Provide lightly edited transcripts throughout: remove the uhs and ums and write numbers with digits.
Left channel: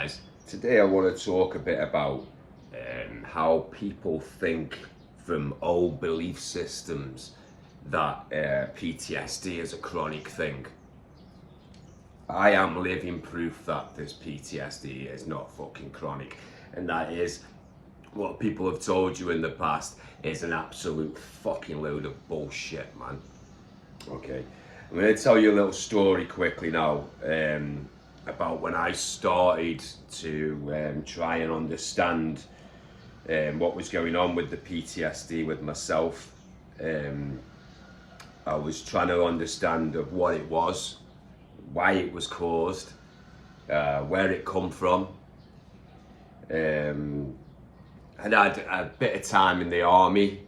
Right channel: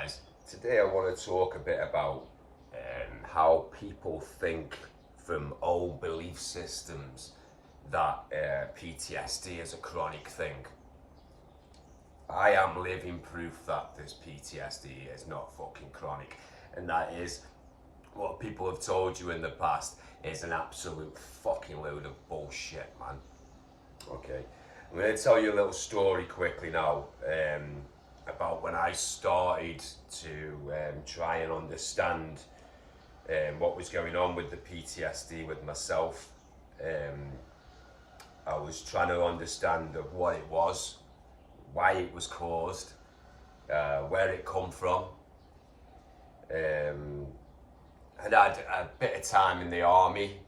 guys. Today I want to talk a bit about how people think from old belief systems that PTSD is a chronic thing. I am living proof that this PTSD is not fucking chronic, and that is what people have told you in the past is an absolute fucking load of bullshit, man. Okay, I'm going to tell you a little story quickly now about when I started to try and understand what was going on with the PTSD with myself. I was trying to understand of what it was, why it was caused, where it come from. I'd had a bit of time in the army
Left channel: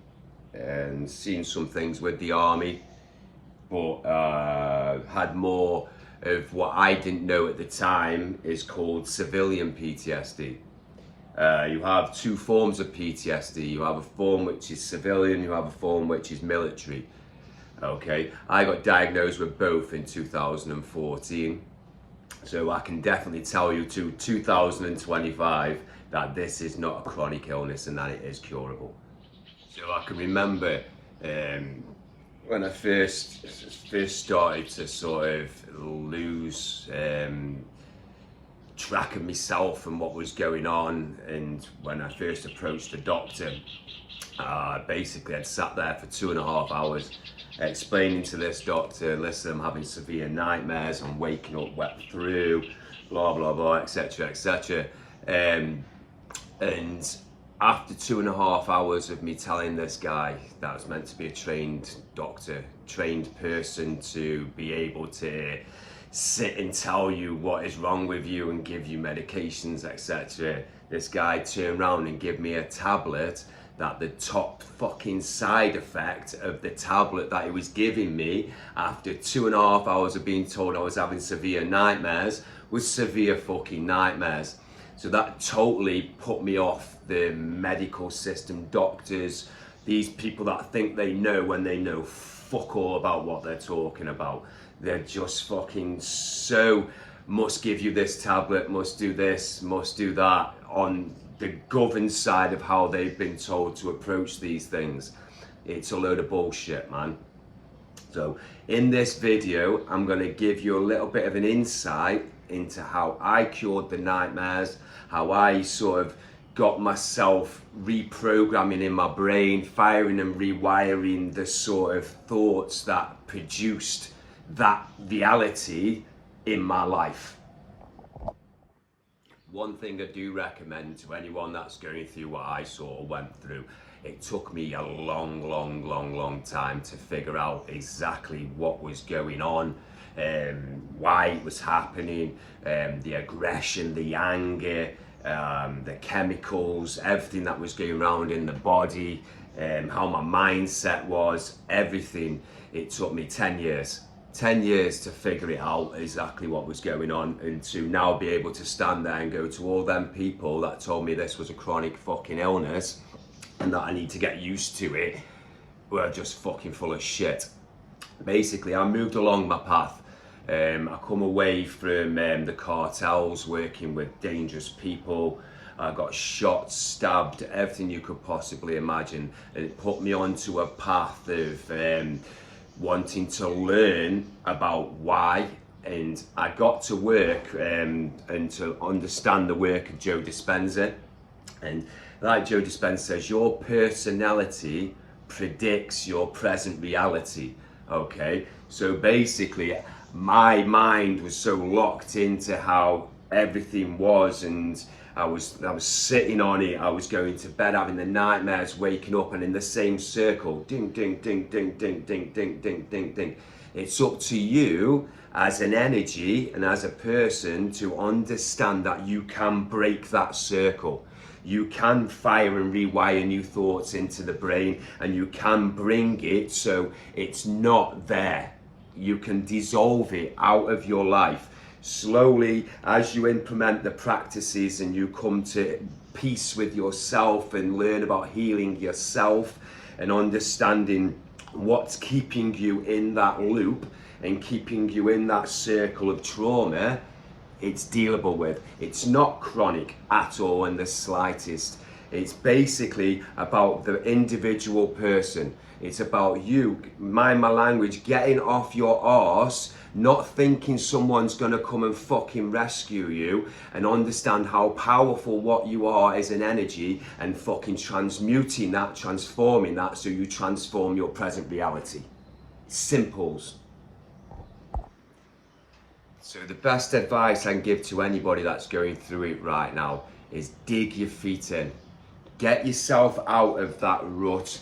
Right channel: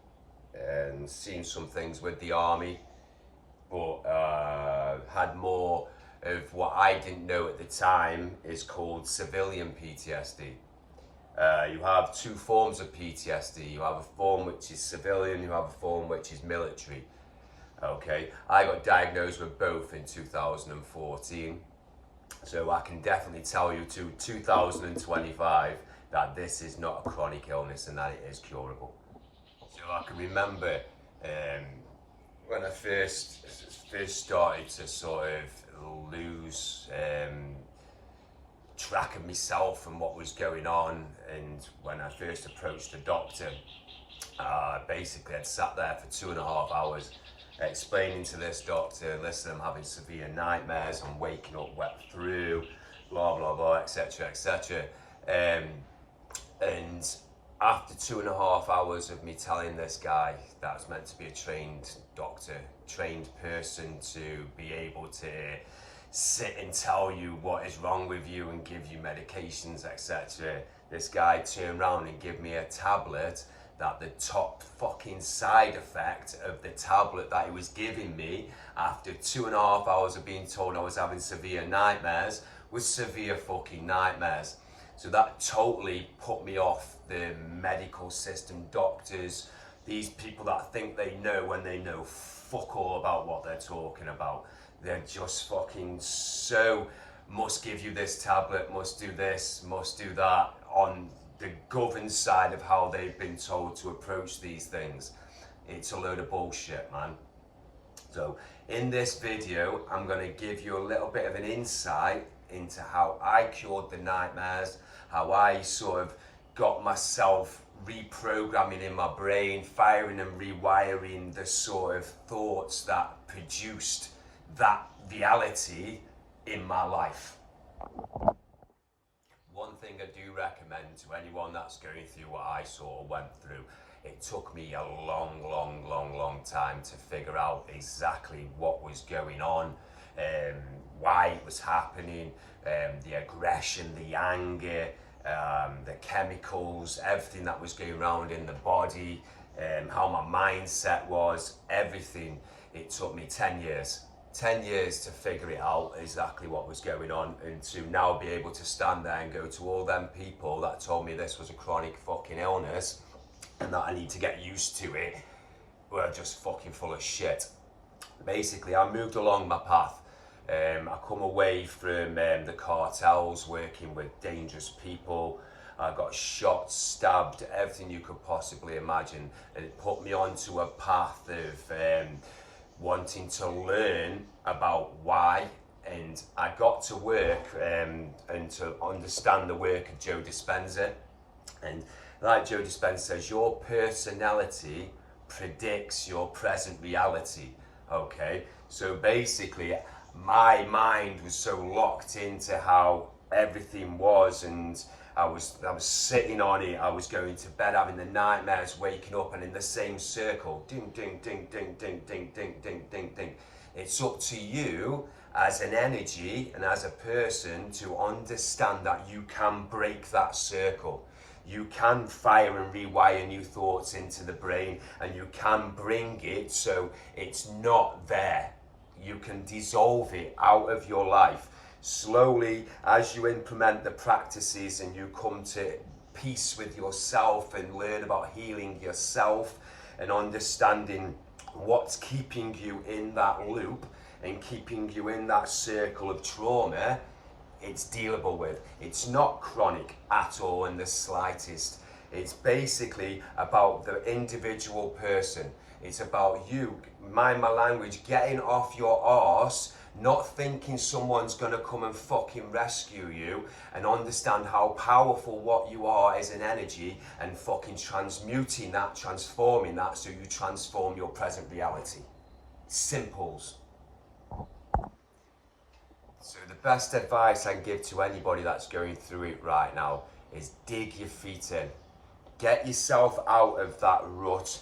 and seen some things with the army, but had more of what I didn't know at the time is called civilian PTSD. You have two forms of PTSD. You have a form which is civilian, you have a form which is military. Okay, I got diagnosed with both in 2014. So I can definitely tell you to 2025 that this is not a chronic illness and that it is curable. So I can remember when I first started to sort of lose track of myself and what was going on, and when I first approached the doctor, basically I'd sat there for 2.5 hours explaining to this doctor, listen, I'm having severe nightmares, I'm waking up wet through, blah blah blah, etc etc. And after 2.5 hours of me telling this guy that was meant to be a trained doctor, trained person to be able to sit and tell you what is wrong with you and give you medications, etc. This guy turned around and gave me a tablet that the top fucking side effect of the tablet that he was giving me after 2.5 hours of being told I was having severe nightmares was severe fucking nightmares. So that totally put me off the medical system, doctors, these people that think they know when they know fuck all about what they're talking about. They're just fucking so must give you this tablet, must do this, must do that, on the governed side of how they've been told to approach these things. It's a load of bullshit, man. So in this video, I'm going to give you a little bit of an insight into how I cured the nightmares, how I sort of got myself reprogramming in my brain, firing and rewiring the sort of thoughts that produced that reality in my life. One thing I do recommend to anyone that's going through what I sort of went through, it took me a long time to figure out exactly what was going on, why it was happening, the aggression, the anger, the chemicals, everything that was going around in the body, how my mindset was, everything. It took me 10 years. 10 years to figure it out exactly what was going on, and to now be able to stand there and go to all them people that told me this was a chronic fucking illness and that I need to get used to it, were just fucking full of shit. Basically, I moved along my path. I come away from the cartels, working with dangerous people. I got shot, stabbed, everything you could possibly imagine, and it put me onto a path of wanting to learn about why. And I got to work and to understand the work of Joe Dispenza. And like Joe Dispenza says, your personality predicts your present reality. Okay, so basically my mind was so locked into how everything was, and I was sitting on it. I was going to bed having the nightmares, waking up and in the same circle, ding ding ding ding ding ding ding ding ding ding. It's up to you as an energy and as a person to understand that you can break that circle. You can fire and rewire new thoughts into the brain, and you can bring it so it's not there. You can dissolve it out of your life. Slowly, as you implement the practices and you come to peace with yourself and learn about healing yourself and understanding what's keeping you in that loop and keeping you in that circle of trauma, it's dealable with. It's not chronic at all in the slightest. It's basically about the individual person. It's about you, mind my language, getting off your arse, not thinking someone's gonna come and fucking rescue you, and understand how powerful what you are is an energy, and fucking transmuting that, transforming that, so you transform your present reality. Simples. So the best advice I can give to anybody that's going through it right now is dig your feet in. Get yourself out of that rut.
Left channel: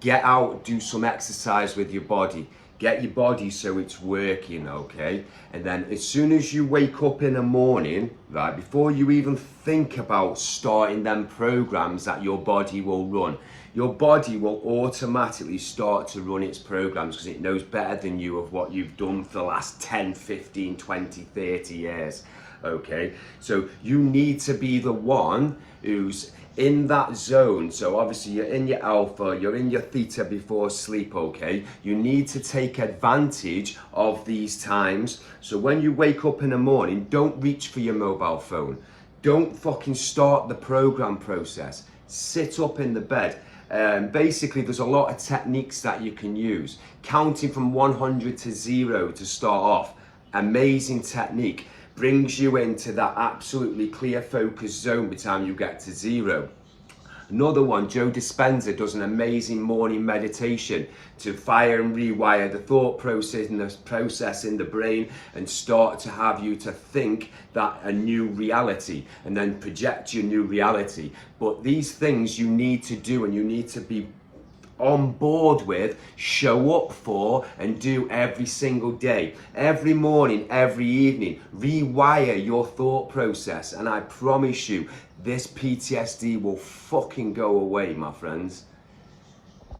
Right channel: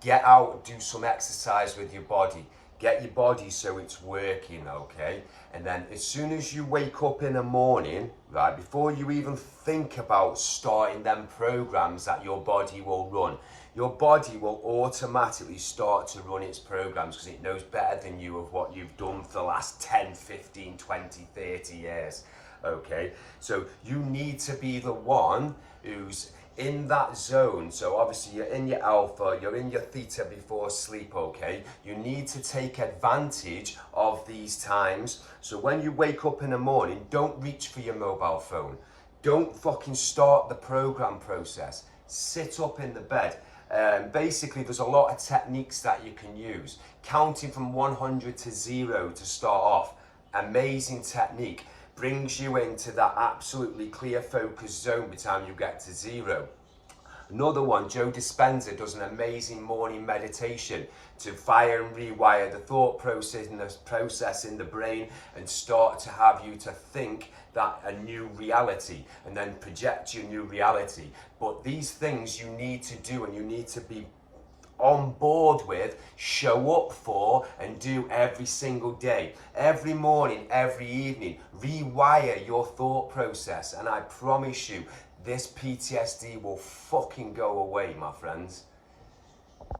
Get out, do some exercise with your body. Get your body so it's working, okay? And then as soon as you wake up in the morning, right, before you even think about starting them programs that your body will run, your body will automatically start to run its programs because it knows better than you of what you've done for the last 10, 15, 20, 30 years, okay? So you need to be the one who's in that zone. So obviously you're in your alpha, you're in your theta before sleep, okay? You need to take advantage of these times. So when you wake up in the morning, don't reach for your mobile phone. Don't fucking start the program process. Sit up in the bed. Basically, there's a lot of techniques that you can use. Counting from 100 to 0 to start off. Amazing technique. Brings you into that absolutely clear focus zone by the time you get to 0. Another one, Joe Dispenza does an amazing morning meditation to fire and rewire the thought process in the brain and start to have you to think that a new reality and then project your new reality. But these things you need to do and you need to be on board with, show up for, and do every single day, every morning, every evening. Rewire your thought process, and I promise you this PTSD will fucking go away, my friends.